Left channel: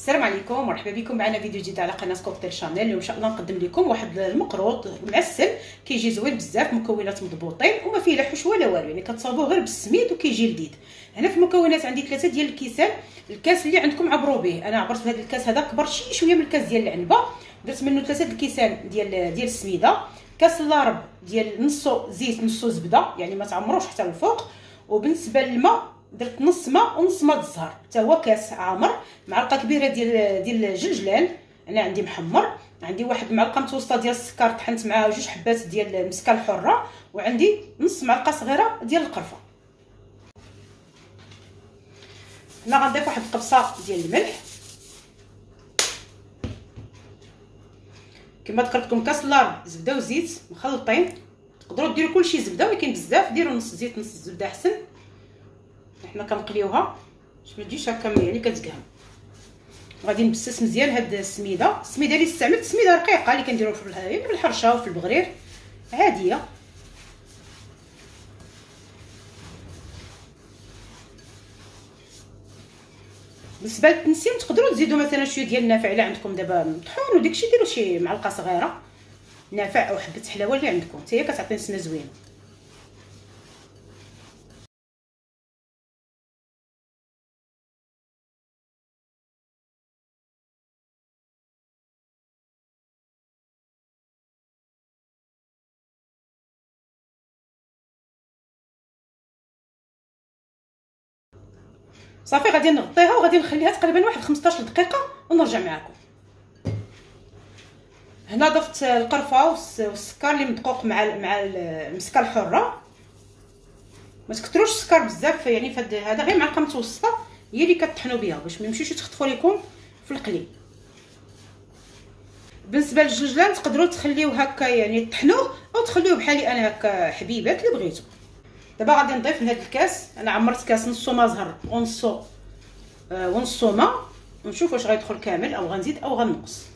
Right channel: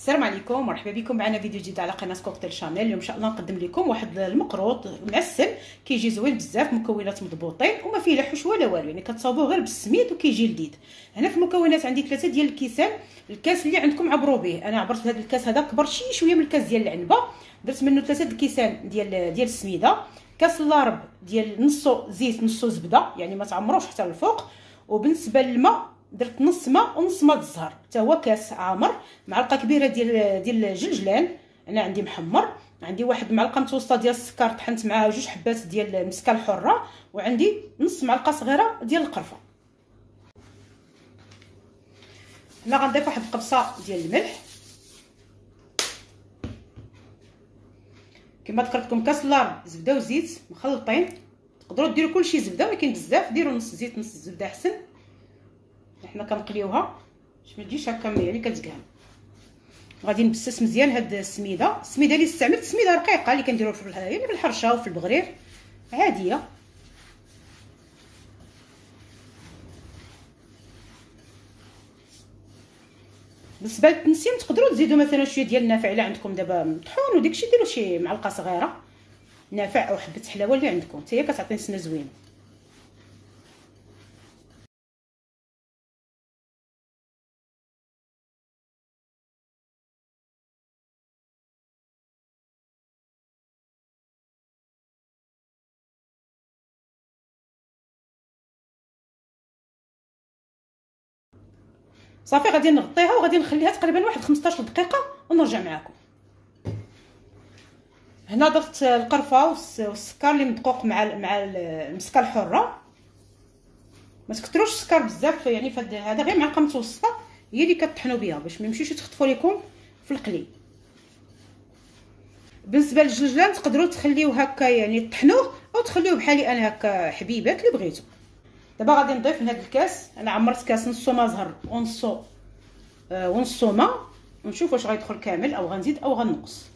السلام عليكم ومرحبا بكم معنا فيديو جديد على قناه كوكتيل شانيل. اليوم ان شاء الله نقدم لكم واحد المقروط معسل كيجي زوين بزاف، مكونات مضبوطين وما فيه لا حوش ولا والو، يعني كتصاوبوه غير بالسميد وكيجي لذيذ. هنا في المكونات عندي 3 ديال الكيسان. الكاس اللي عندكم عبروا به، انا عبرت بهذا الكاس هذا كبر شويه من الكاس ديال العنبه، درت منه 3 الكيسان ديال السميده، كاس اللارب ديال نصو زيت نصو زبده، يعني ما تعمروش حتى الفوق. وبالنسبه للماء درت نص ماء ونص ماء الزهر، حتى هو كاس عامر. معلقه كبيره ديال الجنجلان، انا عندي محمر. عندي واحد معلقه متوسطه ديال السكر، طحنت معاه 2 حبات ديال المسكه الحره، وعندي نص معلقه صغيره ديال القرفه. هنا غنضيف واحد القبصه ديال الملح. كما ذكرت لكم كاس اللارب زبده وزيت مخلطين، تقدروا ديروا كلشي زبده، ولكن بزاف ديروا نص زيت نص زبده احسن. حنا كنقليوها باش ما تجيش هكا يعني كتقام. غادي نبسس مزيان هاد السميده اللي استعملت سميده رقيقه اللي كنديروا في الحرشه وفي البغرير عاديه. بالنسبه للتنسيم تقدروا تزيدوا مثلا شويه ديال النافع الا عندكم دابا طحون وداكشي، ديروا شي معلقه صغيره نافع او حبه حلاوه اللي عندكم، حتى هي كتعطي نسمه زوينه. صافي غادي نغطيها وغادي نخليها تقريبا واحد 15 دقيقه ونرجع معكم. هنا ضفت القرفه والسكر اللي مدقوق مع المسكه الحره. ما تكثروش السكر بزاف، يعني هذا غير معلقه متوسطه هي اللي كطحنوا بها باش ما يمشيوش يتخطفوا لكم في القلي. بالنسبه للجنجلان تقدروا تخليوه هكا يعني طحنوه، او تخليوه بحالي انا هكا حبيبات اللي بغيتو. دابا غادي نضيف لهذا الكاس، انا عمرت كاس نصو ما زهر ونصو ماء، ونشوف واش غيدخل كامل او غنزيد او غنقص.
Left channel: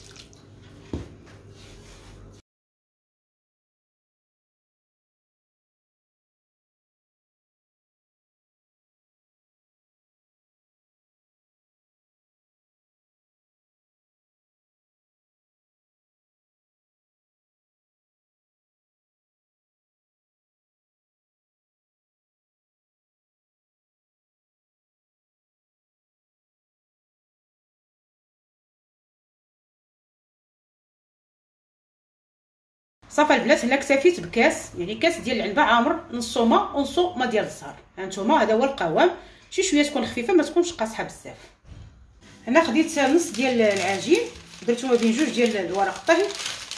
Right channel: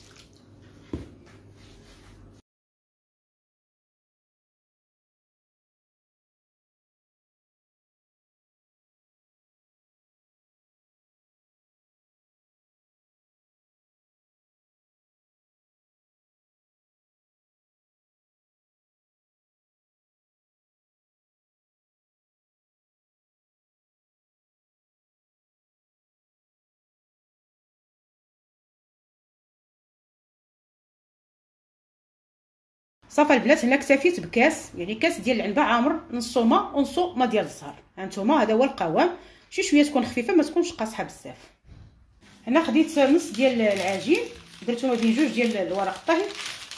صافي البنات، هنا اكتفيت بكاس، يعني كاس ديال العنبه عامر، نصو ماء ونصو ماء ديال الزهر. هانتوما هذا هو القوام، شويه تكون خفيفه ما تكونش قاصحه بزاف. هنا خديت نص ديال العجين، درتو ما بين 2 ديال الورق الطهي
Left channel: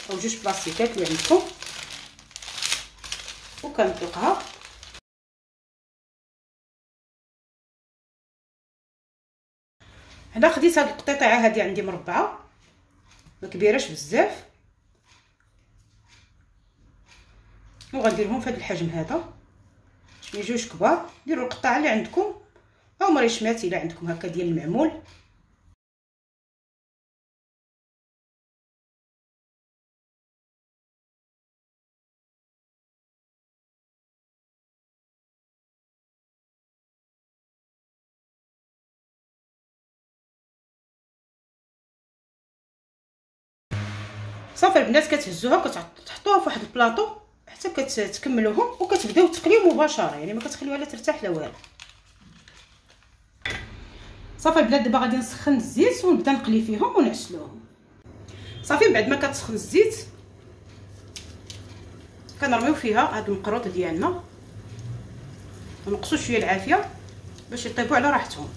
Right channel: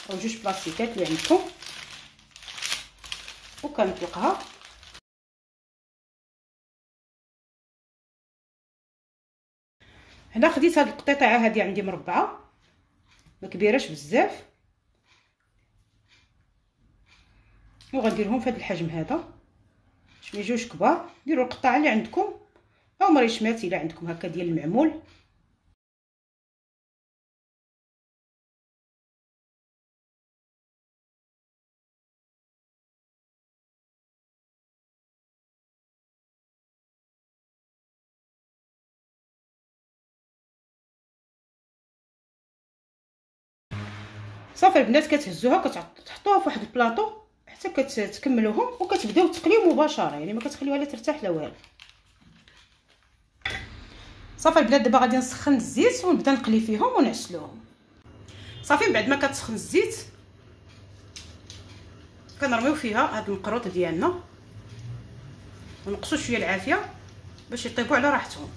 او 2 بلاصيكات اللي عندكم، وكنطلقها. هنا خديت هاد القطيطه هادي عندي مربعه، ما كبيراش بزاف، وغنديرهم في هذا الحجم هذا باش ما يجوش كبار. ديروا القطعه اللي عندكم او مريشمات الا عندكم هكا ديال المعمول. صافي البنات، كتهزوها كتحطوها في واحد البلاطو حتى كتكملوهم، وكتبداو تقليو مباشره، يعني ما كتخليوها لا ترتاح لا والو. صافي البنات، دابا غادي نسخن الزيت ونبدا نقلي فيهم ونعسلوهم. صافي بعد ما كتسخن الزيت كنرميو فيها هاد المقروط ديالنا ونقصوا شويه العافيه باش يطيبوا على راحتهم.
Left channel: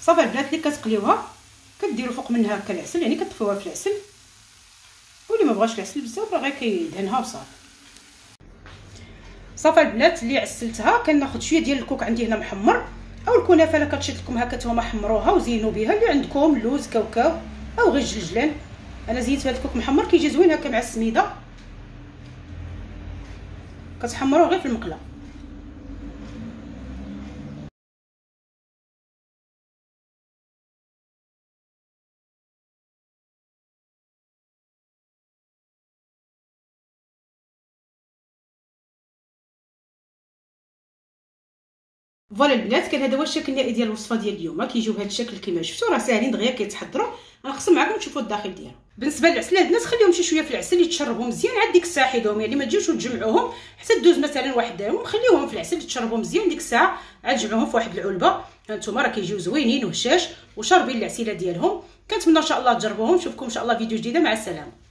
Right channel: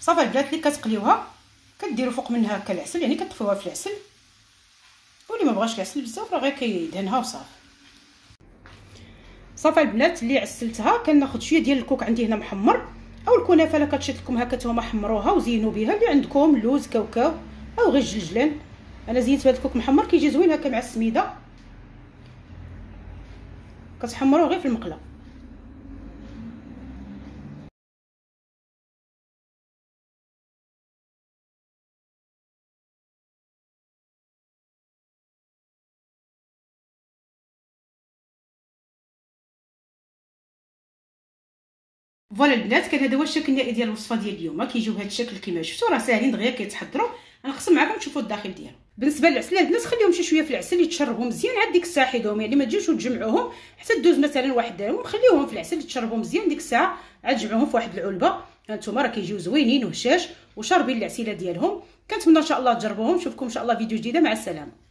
صافي البنات، اللي كتقليوها كديروا فوق منها هكا العسل، يعني كتطفيوها في العسل، واللي ما بغاش العسل بزاف راه غير كيدهنها وصافي. صافي البنات، اللي عسلتها كناخذ شويه ديال الكوك عندي هنا محمر، او الكنافه لا كتشد لكم هكا نتوما حمروها وزينوا بها. اللي عندكم لوز كاوكاو او غير الجلجلان، انا زينت بهذا الكوك محمر كيجي زوين هكا مع السميده. كتحمروه غير في المقله. فوالا البنات، كان هذا هو الشكل النهائي ديال الوصفه ديال اليوم. كيجيو بهذا الشكل كما شفتوا، راه ساهلين دغيا كيتحضروا. غنقسم معكم تشوفوا الداخل ديالهم. بالنسبه للعسل البنات، خليهم شي شويه في العسل يتشربوا مزيان عاد ديك الساعه حيدوهم، يعني ما تجيوش وتجمعوهم حتى دوز مثلا واحد وخليوهم في العسل يتشربوا مزيان. ديك الساعه عاد جمعوهم في واحد العلبه. هانتوما راه كيجيو زوينين وهشاش وشاربين العسيله ديالهم. كنتمنى ان شاء الله تجربوهم. نشوفكم ان شاء الله فيديو جديده، مع السلامه.